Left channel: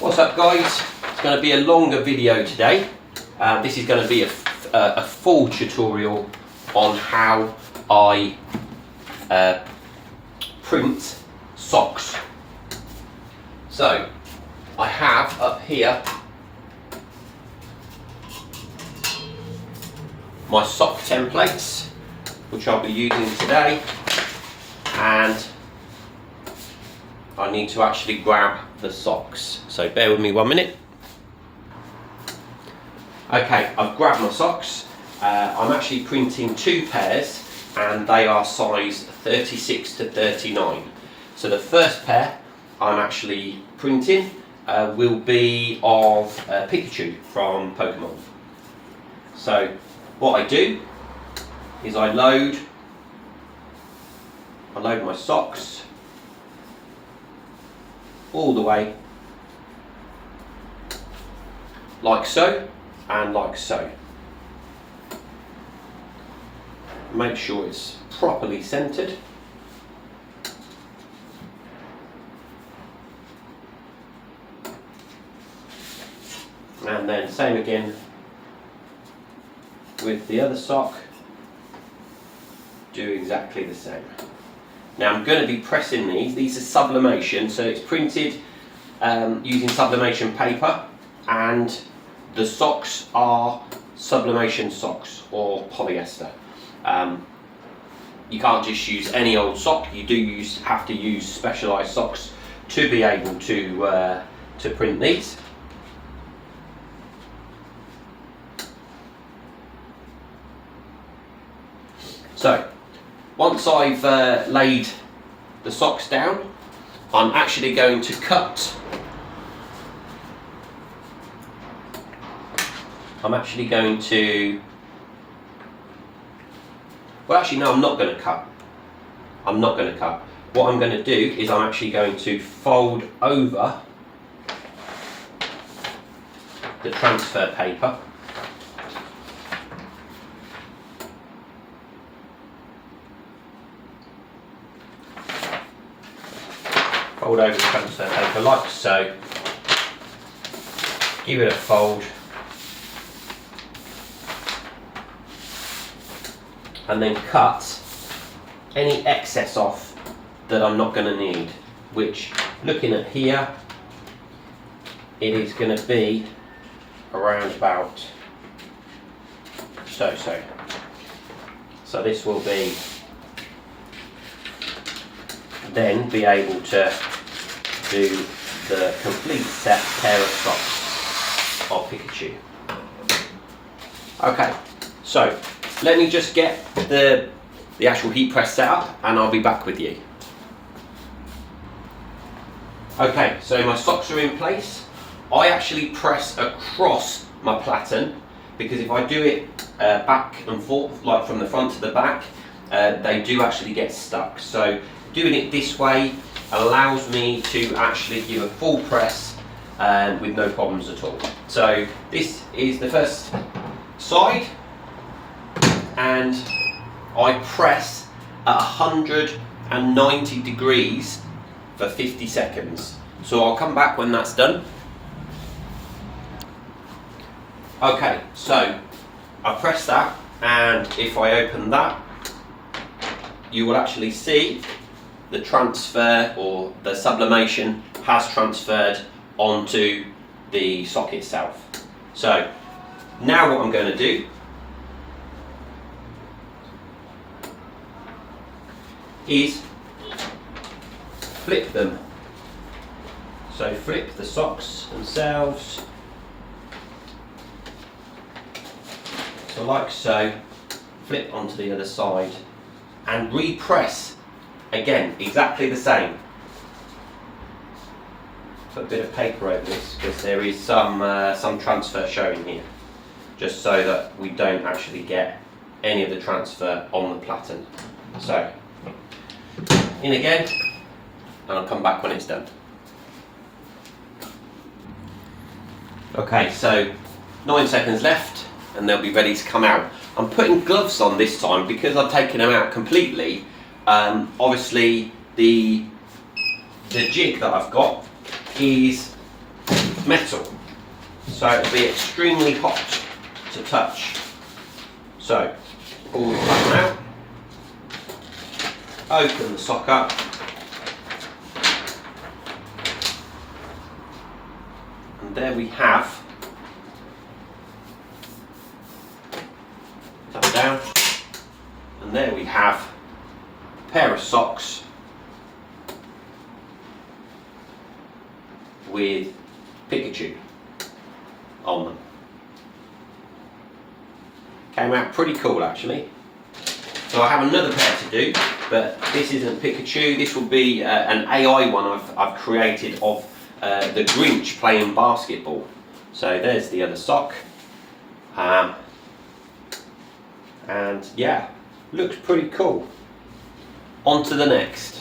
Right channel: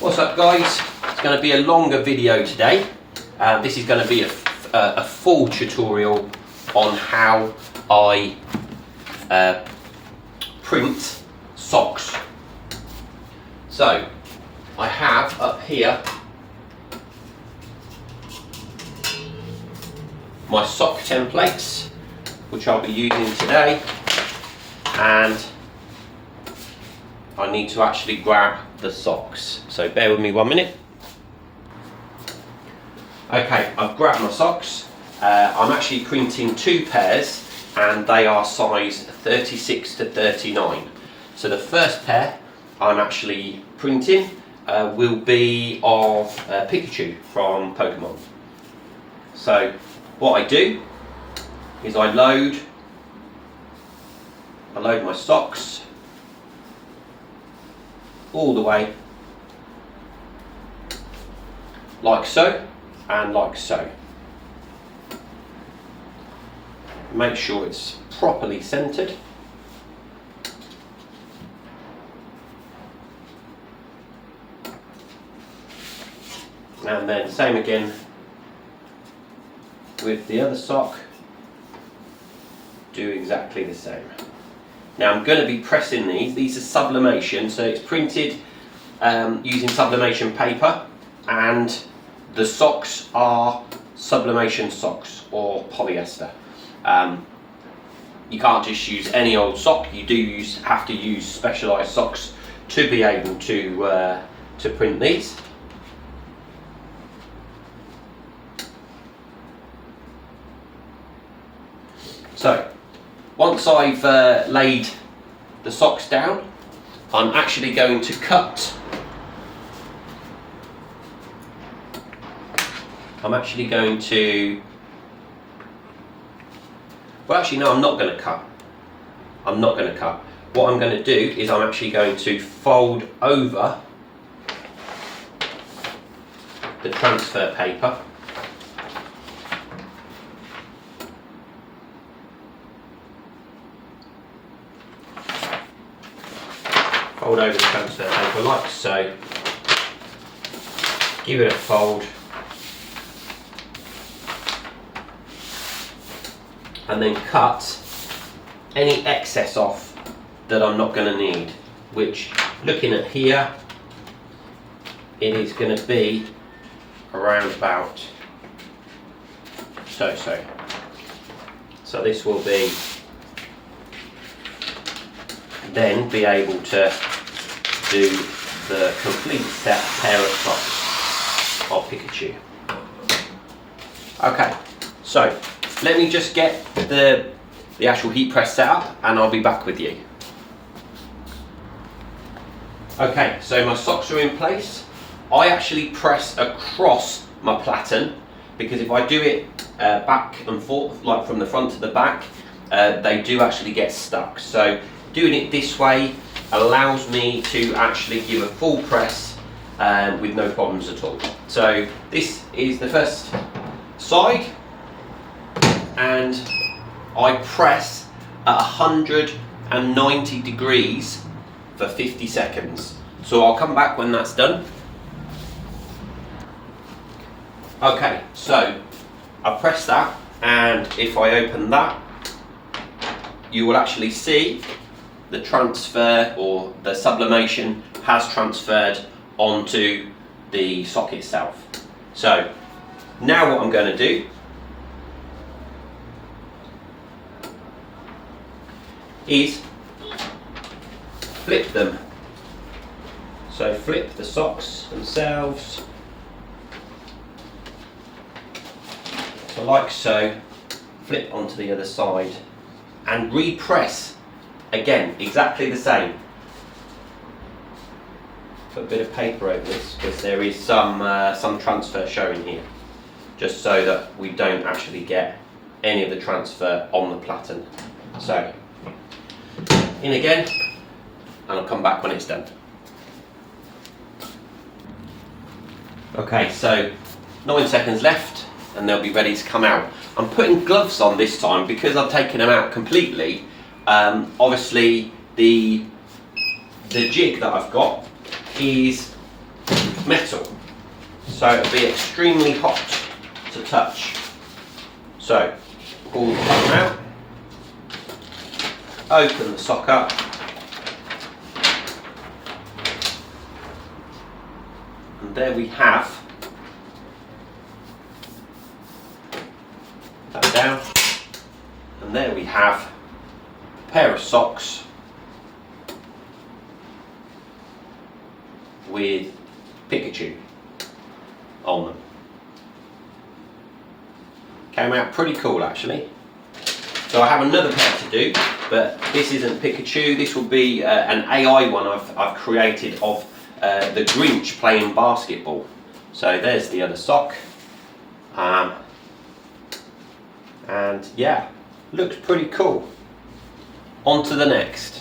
What's up guys? It's going to be a longer video today. This is going to be a full tutorial on how I print socks. So I have up here my sock templates, which I'll be using today, and I need to actually grab the socks, so bear with me 1 minute. Okay, I've grabbed my socks. I'm actually printing 2 pairs and they are size 36 to 39. So the first pair I'm actually printing will be of Pikachu from Pokemon. So what I do is I load my socks all the way, like so and like so. Make sure it's properly centered. And then same again with the other sock, do exactly the same. Now I'm going to be pressing these are sublimation, so it's printed using sublimation paper, and the socks are sublimation socks or polyester. You can't just use any old sock, you do have to use specialised socks to be able to print these. So once I've laid the socks down, I'm actually going to cut. Well, actually no, I'm not going to cut. I'm not going to cut. What I'm going to do is I'm actually going to fold over the transfer paper. Fold over the transfer paper like so. Give it a fold. And then cut any excess off that I'm not going to need, which, looking at here, it is going to be around about so. So this will be then be able to do the complete set pair of socks of Pikachu. Okay, so let me just get the actual heat press set up and I'll be back with you. Okay, so my socks are in place. I actually press across my platen because if I do it back and forth, like from the front to the back, they do actually get stuck. So doing it this way allows me to actually give a full press with no problems at all. So this is the first side, and I press at 190 degrees for 50 seconds. So I'll come back when that's done. Okay, so I've pressed that, and if I open that, you will actually see the transfer, or the sublimation has transferred onto the sock itself. So now what I'm going to do is flip them. So flip the socks themselves, so like so, flip onto the other side and repress again, exactly the same. Put a bit of paper over this because there is some transfer showing here, just so that we don't actually get any of the transfer on the platen. So in again, and I'll come back when it's done. Okay, so 9 seconds left and they'll be ready to come out. I'm putting gloves on this time because I've taken them out completely. Obviously the jig that I've got is metal, so it'll be extremely hot to touch. So pull the button out, open the sock up, and there we have that down, and there we have a pair of socks with Pikachu on them. Came out pretty cool actually. So I have another pair to do, but this isn't Pikachu. This will be an AI one I've created of the Grinch playing basketball. So there's the other sock. And yeah, looks pretty cool. On to the next.